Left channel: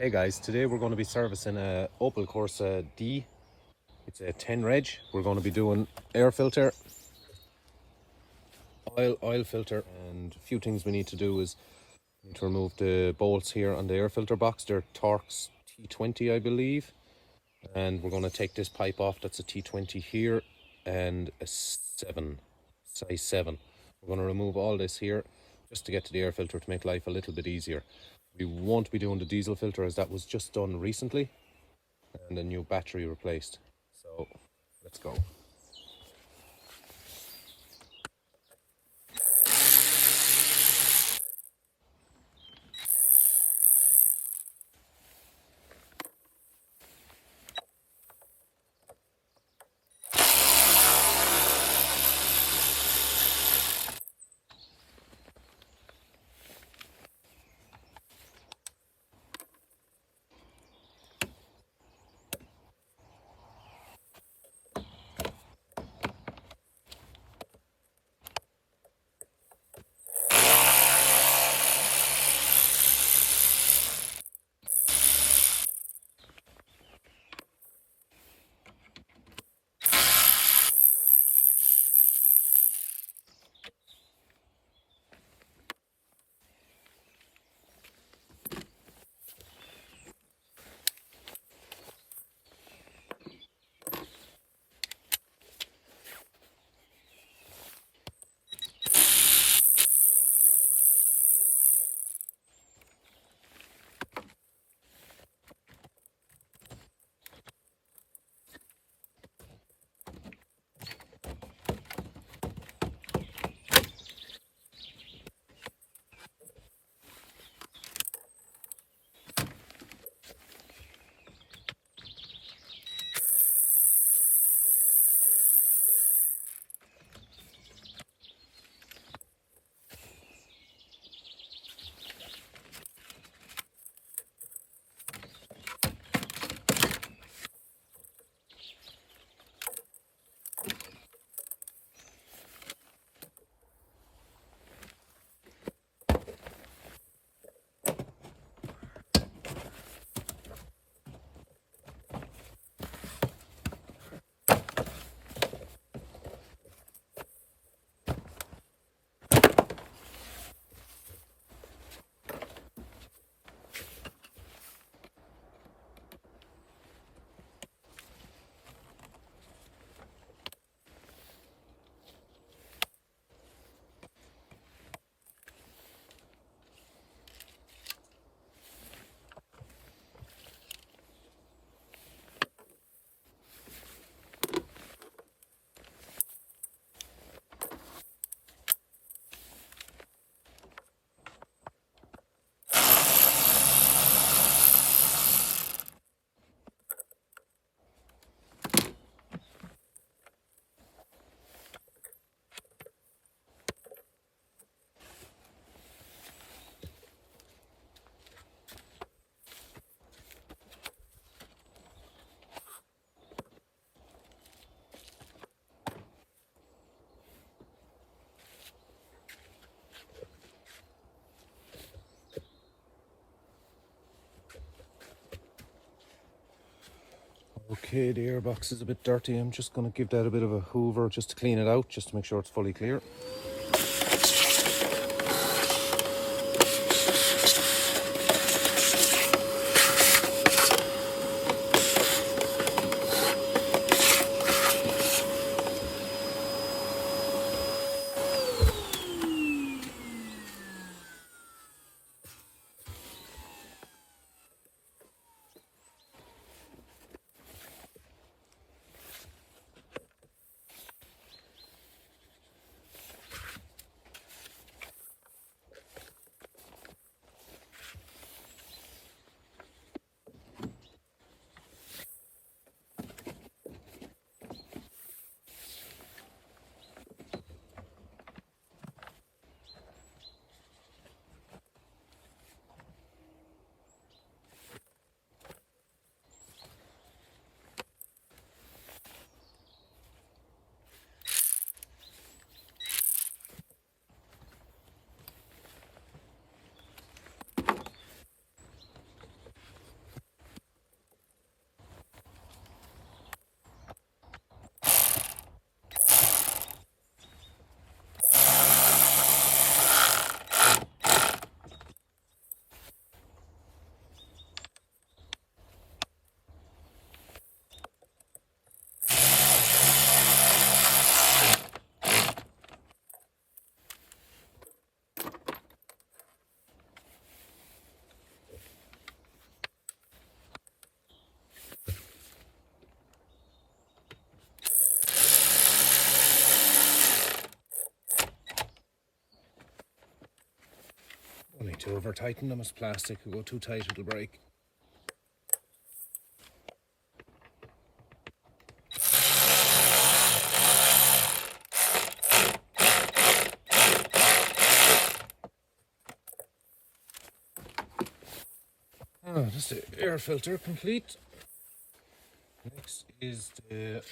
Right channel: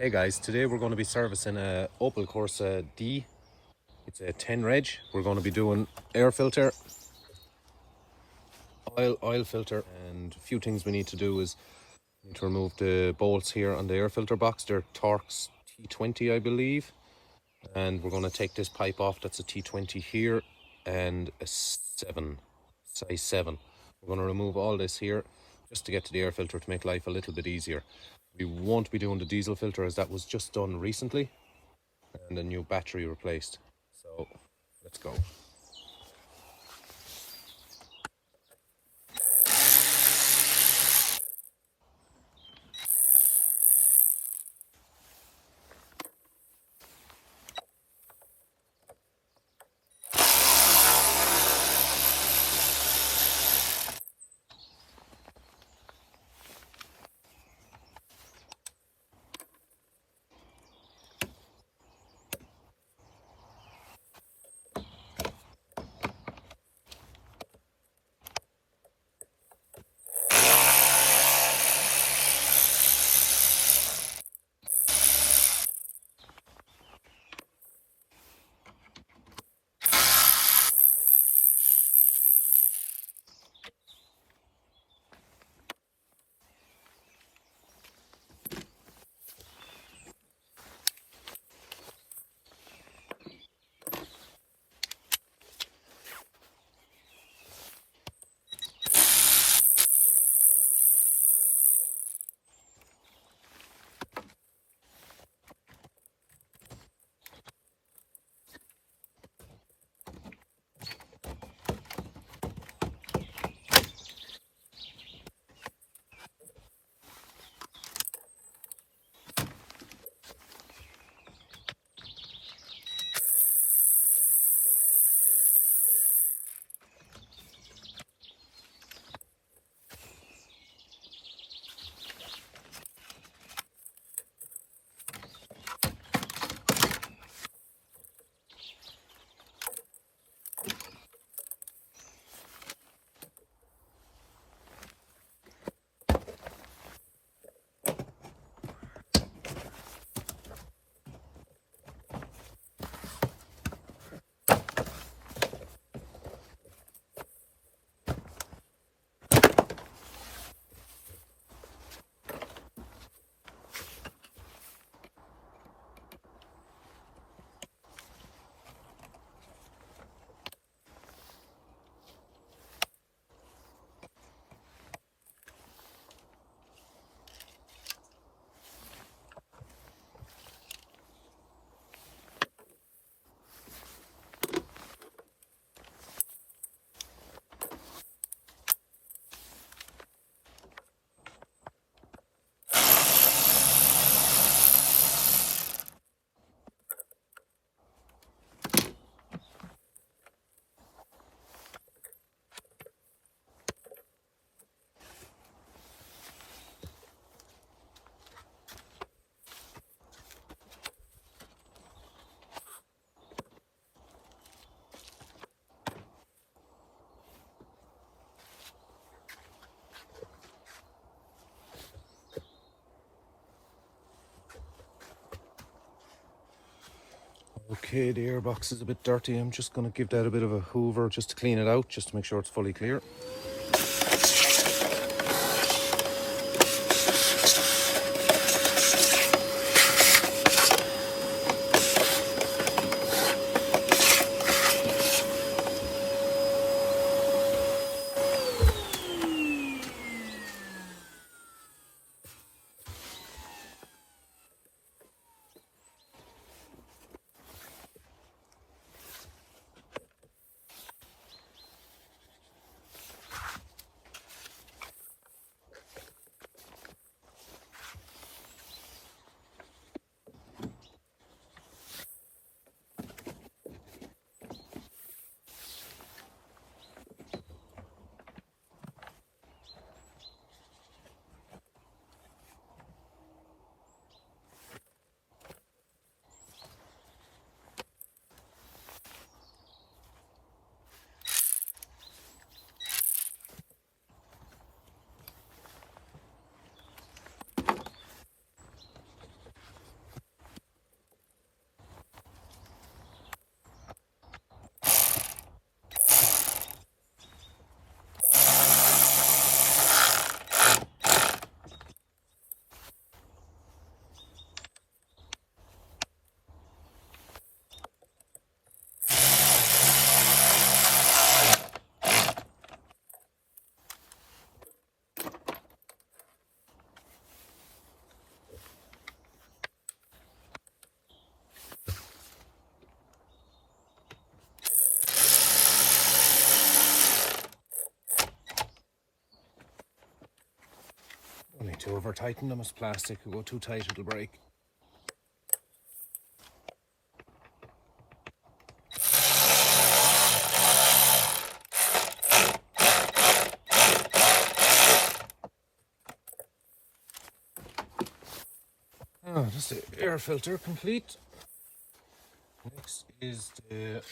Hey guys, today we're going to be servicing a Opel Corsa D. It's a 10 reg. We're going to be doing air filter, oil filter, and a few things we need to do is to remove the bolts here on the air filter box. They're Torx T20 I believe, and we're going to take this pipe off. That's a T20 here and a 7, size 7. We're going to remove all this here just to get to the air filter to make life a little bit easier. We won't be doing the diesel filter as that was just done recently and a new battery replaced. So let's go. Okay, the airbox is a bit dirty. I'm just going to give that a bit of a hoover just to clean it out, just to make sure it's fully clear. Don't need to over tighten them, it's plastic. If you go too tight it'll break. That's the air filter complete. Next is the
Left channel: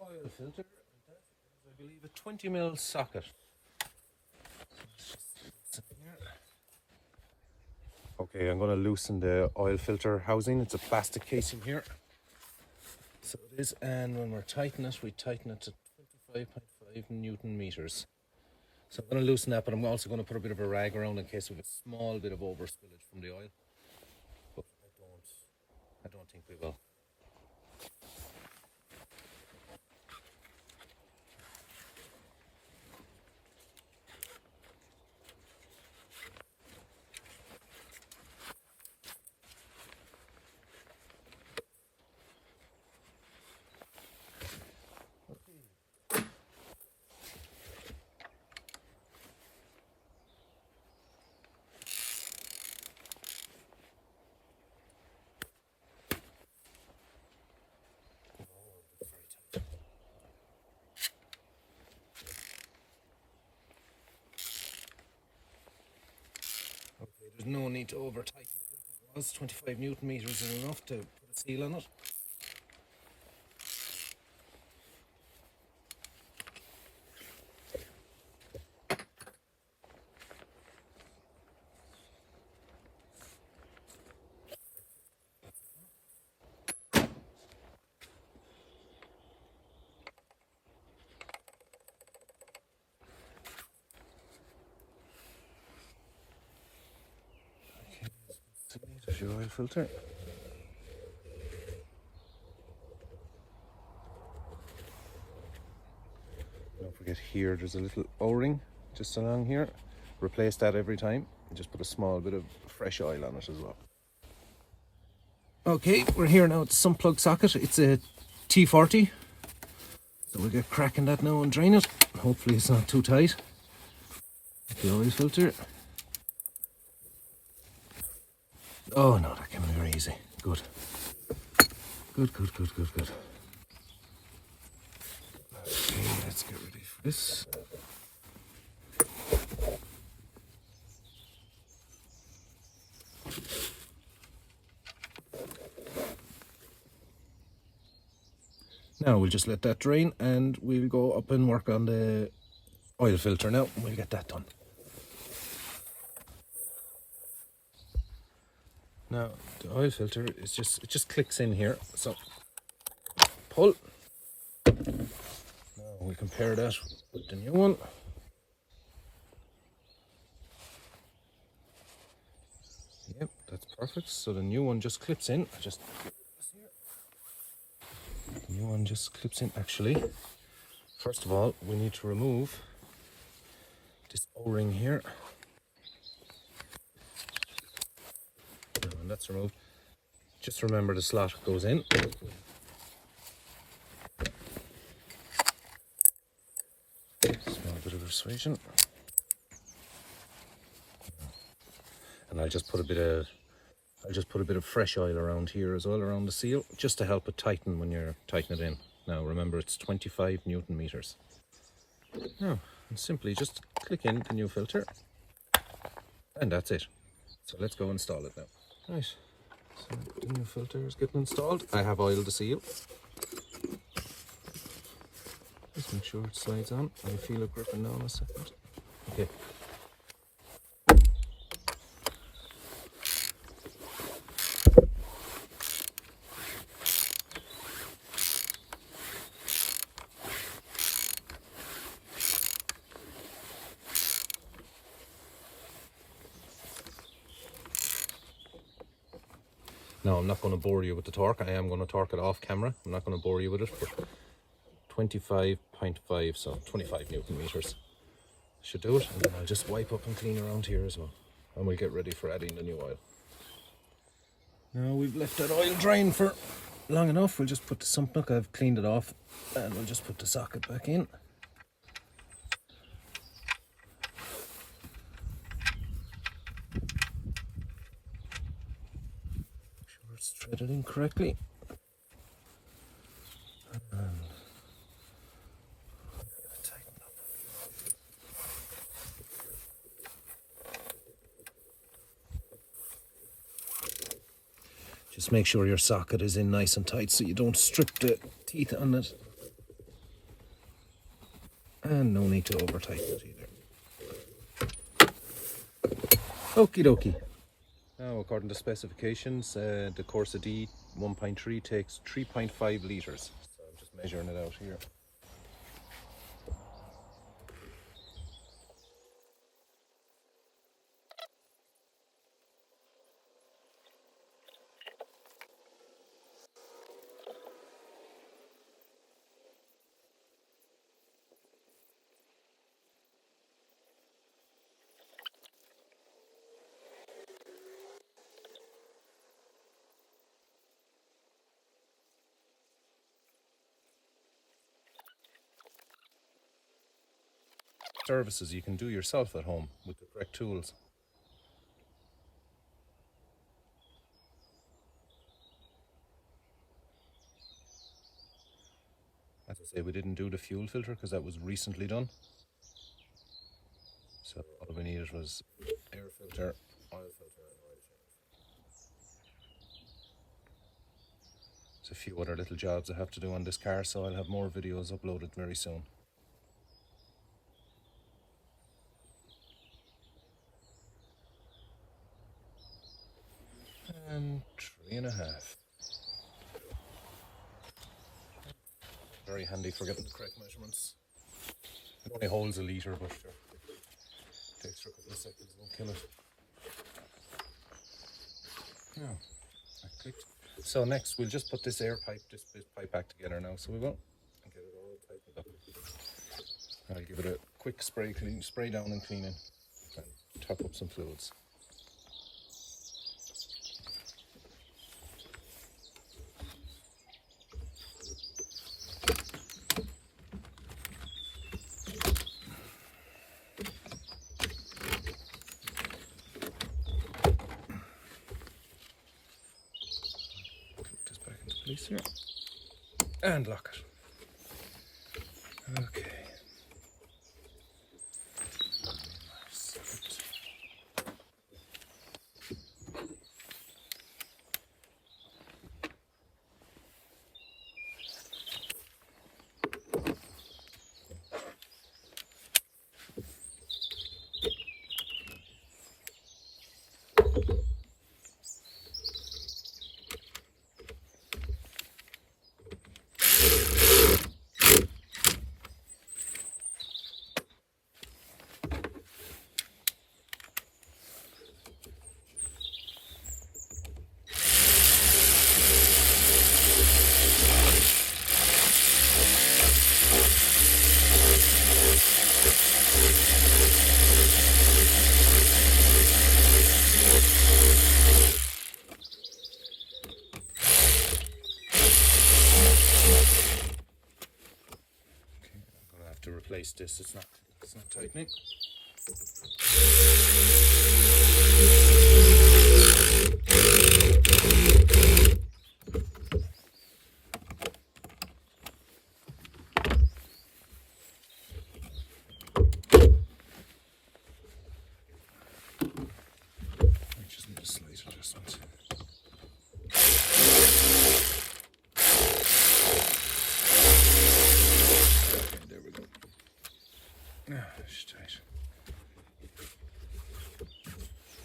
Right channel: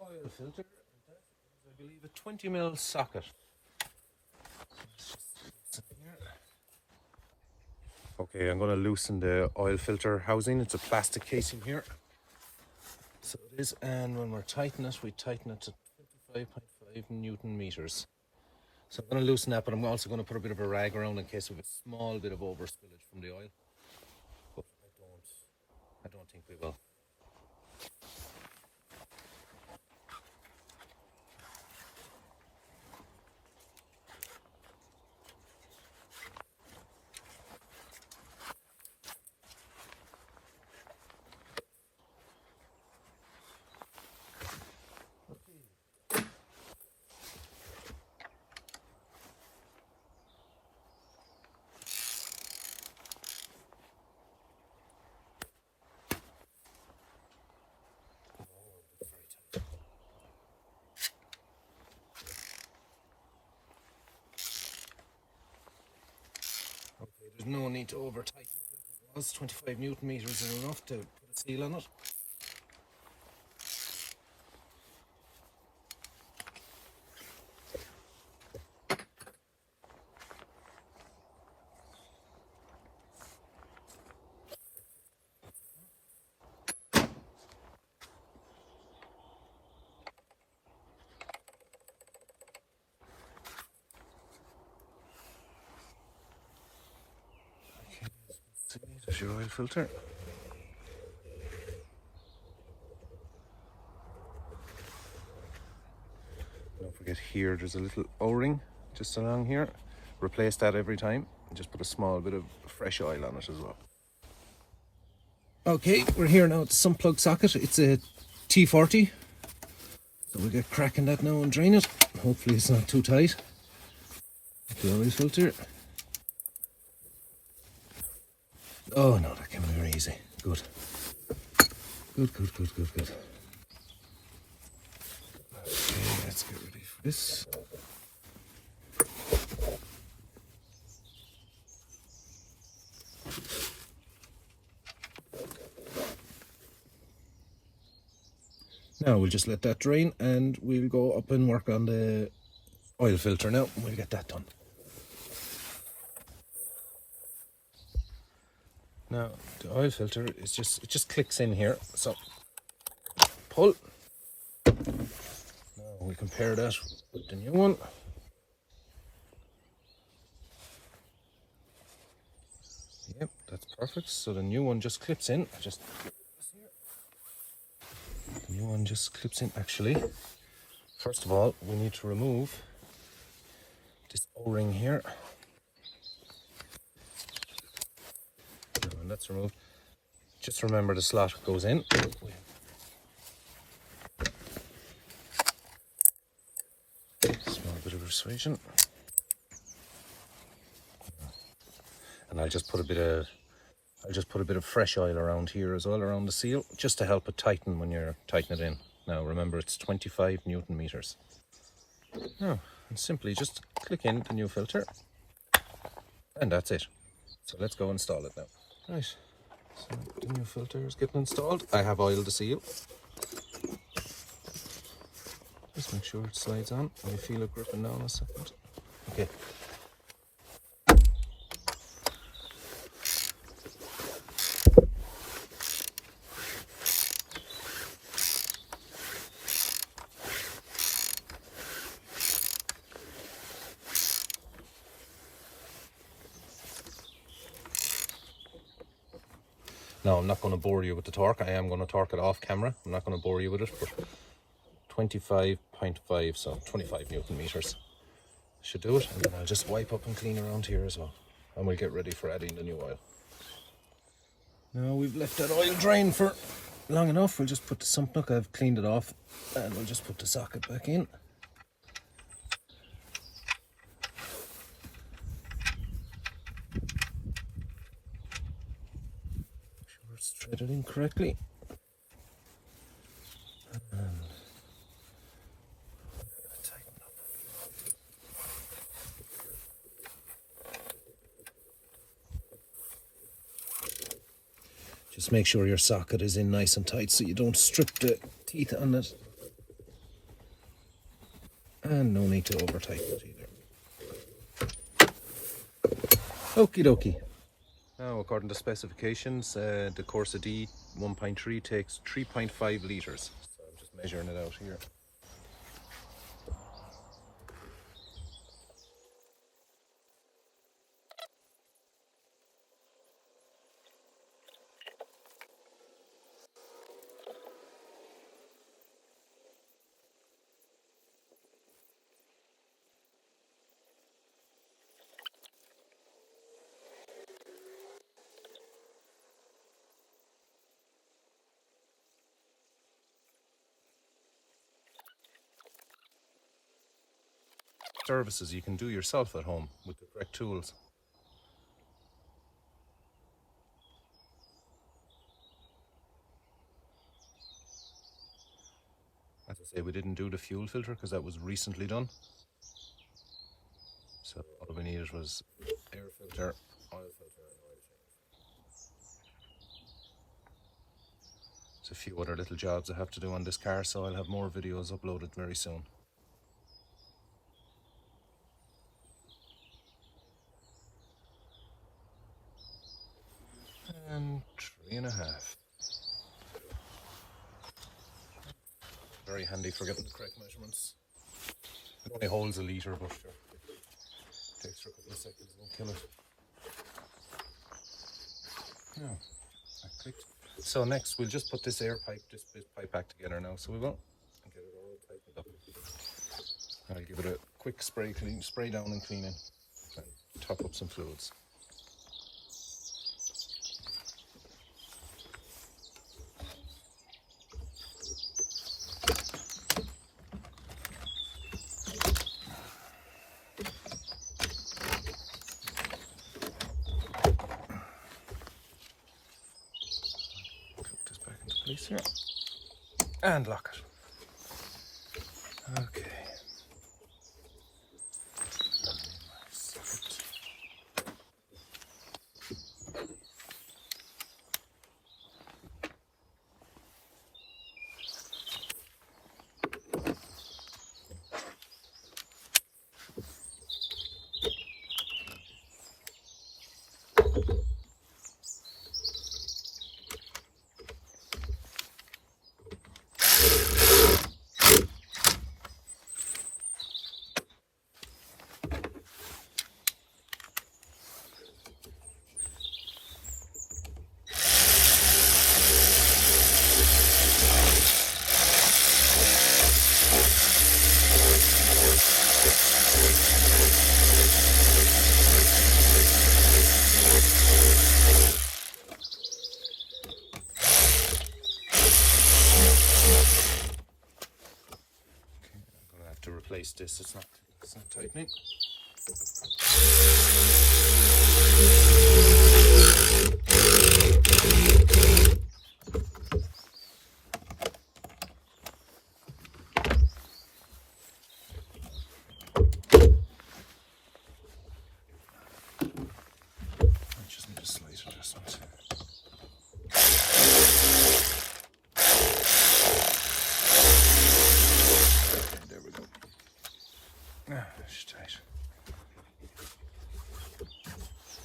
oil filter. That is, I believe, a 20mm socket. Okay, I'm going to loosen the oil filter housing. It's a plastic casing here. So it is, and when we're tightening it, we tighten it to 25.5 Newton meters. So I'm going to loosen that, but I'm also going to put a bit of a rag around in case we have a small bit of over spillage from the oil. But I don't think we will. There's no need to over tighten it. 25 Newton meters is enough to put a seal on it. There's your oil filter. Don't forget here, there's a little O-ring just along here. Replace that every time and just put a small bit of fresh oil on it as well. Okay, we're here now at the sump plug socket. It's a T40. So we'll get cracking that now and drain it. Hopefully it's not too tight. The oil filter. Oh no, that came in very easy. Good. Good. Okay, let's get ready for this. Now we'll just let that drain and we'll go up and work on the oil filter now. We'll get that done. Now the oil filter is just clicks in here. So pull. Now we compare that with the new one. Yep, that's perfect. So the new one just clips in. The new one just clips in. Actually, first of all, we need to remove this O-ring here. When that's removed, just remember the slot goes in. Small bit of persuasion. And I'll just put a bit of fresh oil around here as well, around the seal, just to help it tighten when you're tightening it in. Now remember, it's 25 Newton meters. Now, and simply just click in the new filter, and that's it. So let's go install it now. Right, so the new filter is getting installed. I have oiled the seal. Just make sure it slides on. I feel it gripping now in a second. Okay. Now, I'm not going to bore you with the torque. I am going to torque it off camera. I'm not going to bore you with it, but 25.5, so 25 Newton meters. Should do it, and then I'll just wipe up and clean around here as well. And we'll get ready for adding the new oil. Now we've left that oil drain for long enough. We'll just put the sump plug. I've cleaned it off, and we'll just put the socket back in. thread it in correctly. And tighten up. Just make sure your socket is in nice and tight so you don't strip the teeth on it. And no need to over tighten it either. Okie dokie. Now, according to specifications, the Corsa D 1.3 takes 3.5 litres. So I'm just measuring it out here. Services you can do yourself at home with the correct tools. As I say, we didn't do the fuel filter because that was recently done. So all we needed was air filter, oil filter, and oil change. There's a few other little jobs I have to do on this car, so I'll have more videos uploaded very soon. And 3.5. Very handy for getting the correct measurements. It only holds a litre, but sure, it takes for a couple of seconds, won't kill it. Yeah, I clicked. So next we'll just put this pipe back together now, so we will, and get it all tightened up. I'll give it a quick spray down and cleaning, and top up some fluids. Place here and lock it. Okay. Replace this, it's not tightening. I just need a slight adjustment. Tight.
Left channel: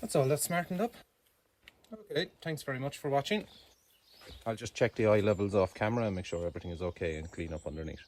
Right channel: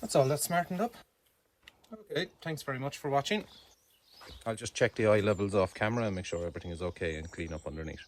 That's all that's smartened up. Okay, thanks very much for watching. I'll just check the eye levels off camera and make sure everything is okay and clean up underneath.